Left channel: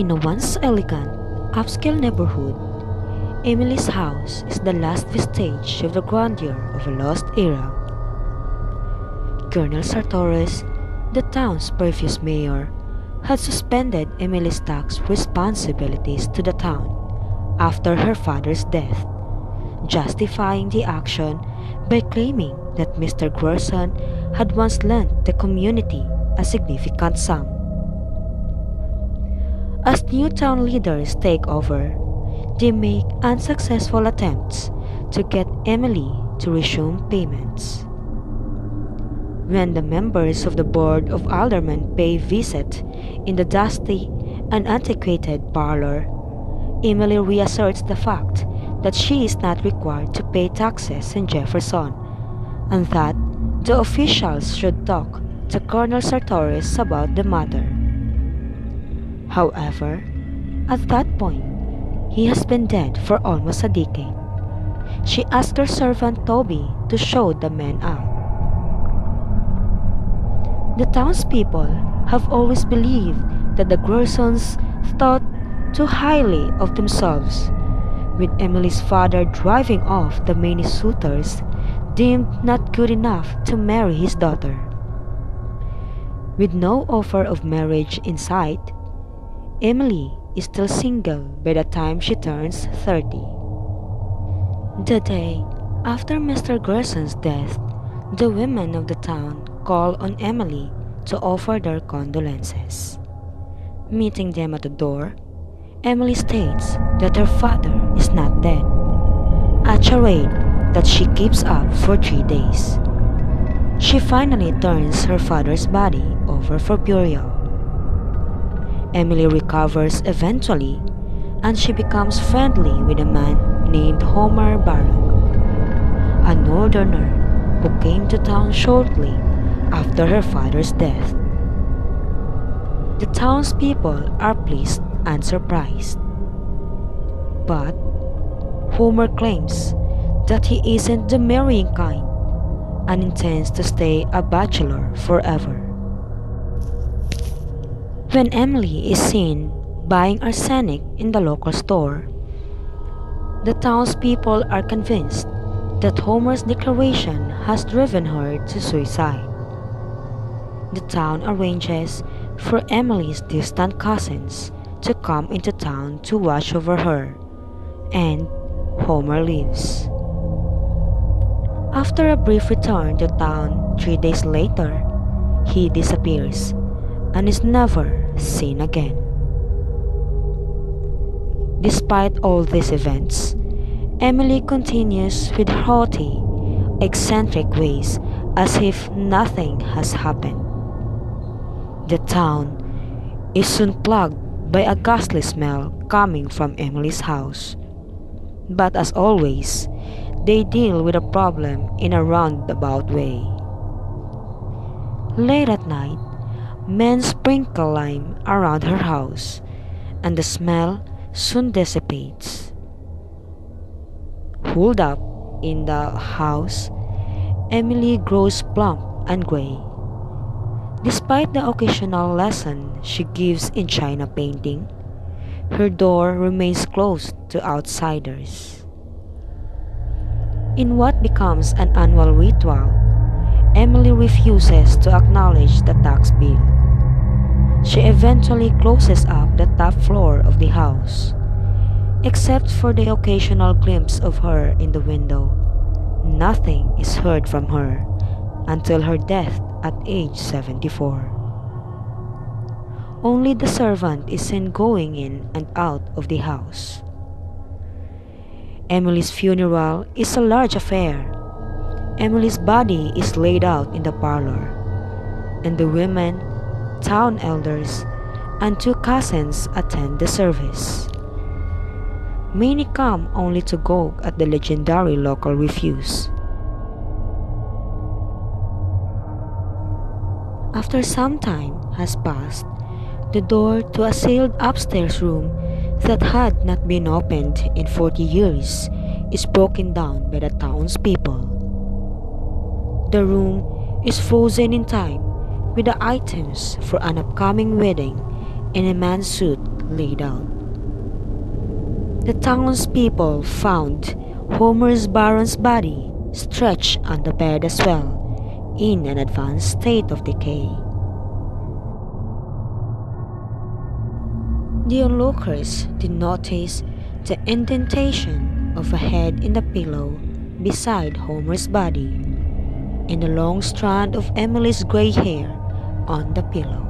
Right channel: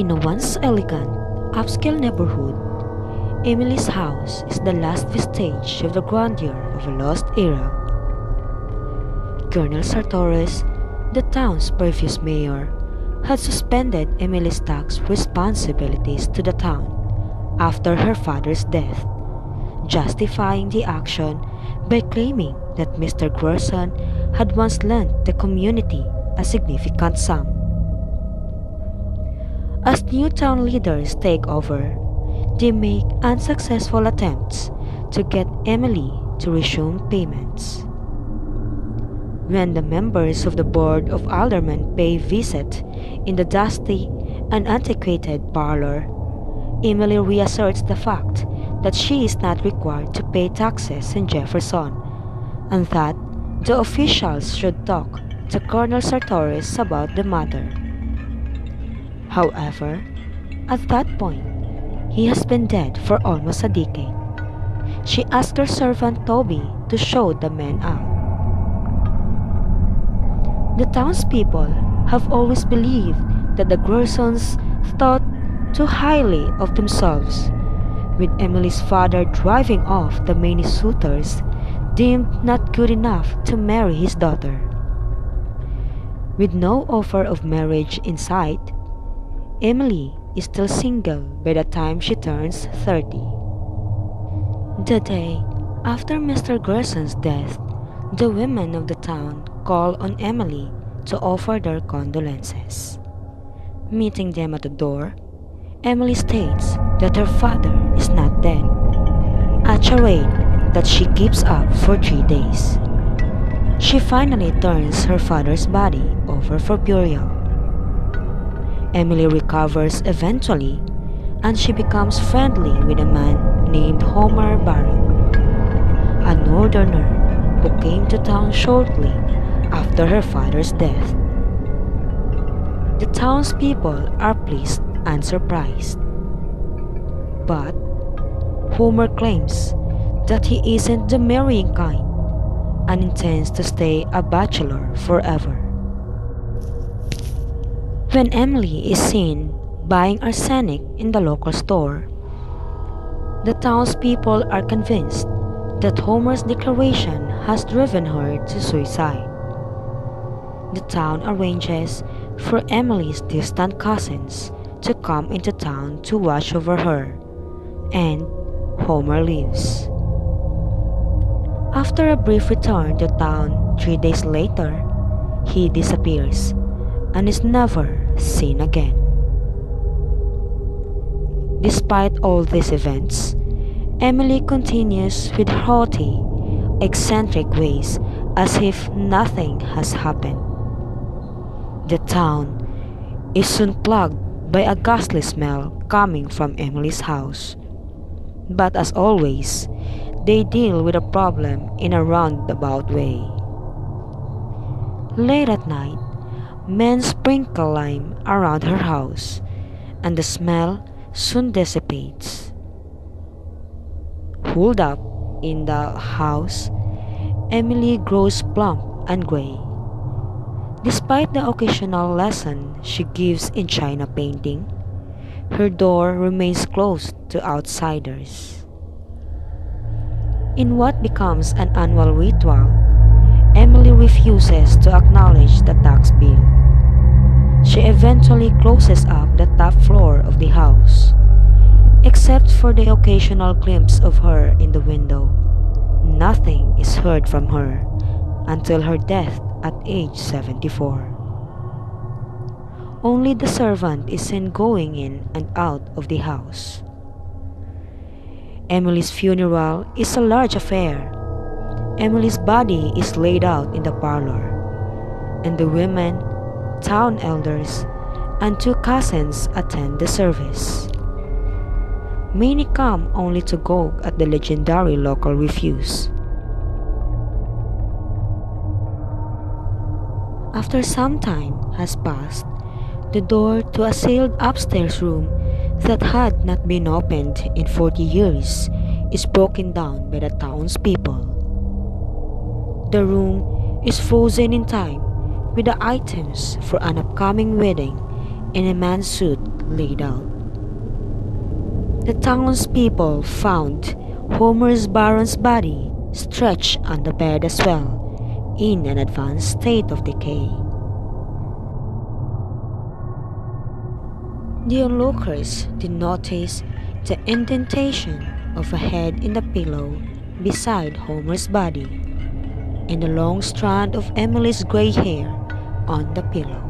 In a once elegant, upscale neighborhood, Emily's house is the last vestige of the grandeur of a lost era. Colonel Sartoris, the town's previous mayor, had suspended Emily's tax responsibilities to the town after her father's death, justifying the action by claiming that Mr. Gerson had once lent the community a significant sum. As new town leaders take over, they make unsuccessful attempts to get Emily to resume payments. When the members of the Board of Aldermen pay visit in the dusty and antiquated parlor, Emily reasserts the fact that she is not required to pay taxes in Jefferson and that the officials should talk to Colonel Sartoris about the matter. However, at that point, he has been dead for almost a decade. She asked her servant Toby to show the men out. The townspeople have always believed that the Gersons thought too highly of themselves, with Emily's father driving off the many suitors deemed not good enough to marry his daughter. With no offer of marriage in sight, Emily is still single by the time she turns 30. The day after Mr. Gerson's death, the women of the town call on Emily to offer their condolences. Meeting them at the door, Emily states that her father is not dead, a charade that she keeps up for 3 days. She finally turns her father's body over for burial. Emily recovers eventually, and she becomes friendly with a man named Homer Barron, a northerner who came to town shortly after her father's death. The townspeople are pleased and surprised. But Homer claims that he isn't the marrying kind and intends to stay a bachelor forever. When Emily is seen buying arsenic in the local store, the townspeople are convinced that Homer's declaration has driven her to suicide. The town arranges for Emily's distant cousins to come into town to watch over her, and Homer leaves. After a brief return to town 3 days later, he disappears and is never seen again. Despite all these events, Emily continues with haughty, eccentric ways as if nothing has happened. The town is soon plagued by a ghastly smell coming from Emily's house. But as always, they deal with the problem in a roundabout way. Late at night, men sprinkle lime around her house, and the smell soon dissipates. Holed up in the house, Emily grows plump and gray. Despite the occasional lesson she gives in china painting, her door remains closed to outsiders. In what becomes an annual ritual, Emily refuses to acknowledge the tax bill. She eventually closes up the top floor of the house. Except for the occasional glimpse of her in the window, nothing is heard from her until her death at age 74. Only the servant is seen going in and out of the house. Emily's funeral is a large affair. Emily's body is laid out in the parlor, and the women, town elders, and 2 cousins attend the service. Many come only to gawk at the legendary local refuse. After some time has passed, the door to a sealed upstairs room that had not been opened in 40 years is broken down by the townspeople. The room is frozen in time with the items for an upcoming wedding in a man's suit laid out. The townspeople found Homer's Baron's body stretched on the bed as well, in an advanced state of decay. The onlookers did notice the indentation of a head in the pillow beside Homer's body, and a long strand of Emily's gray hair on the pillow.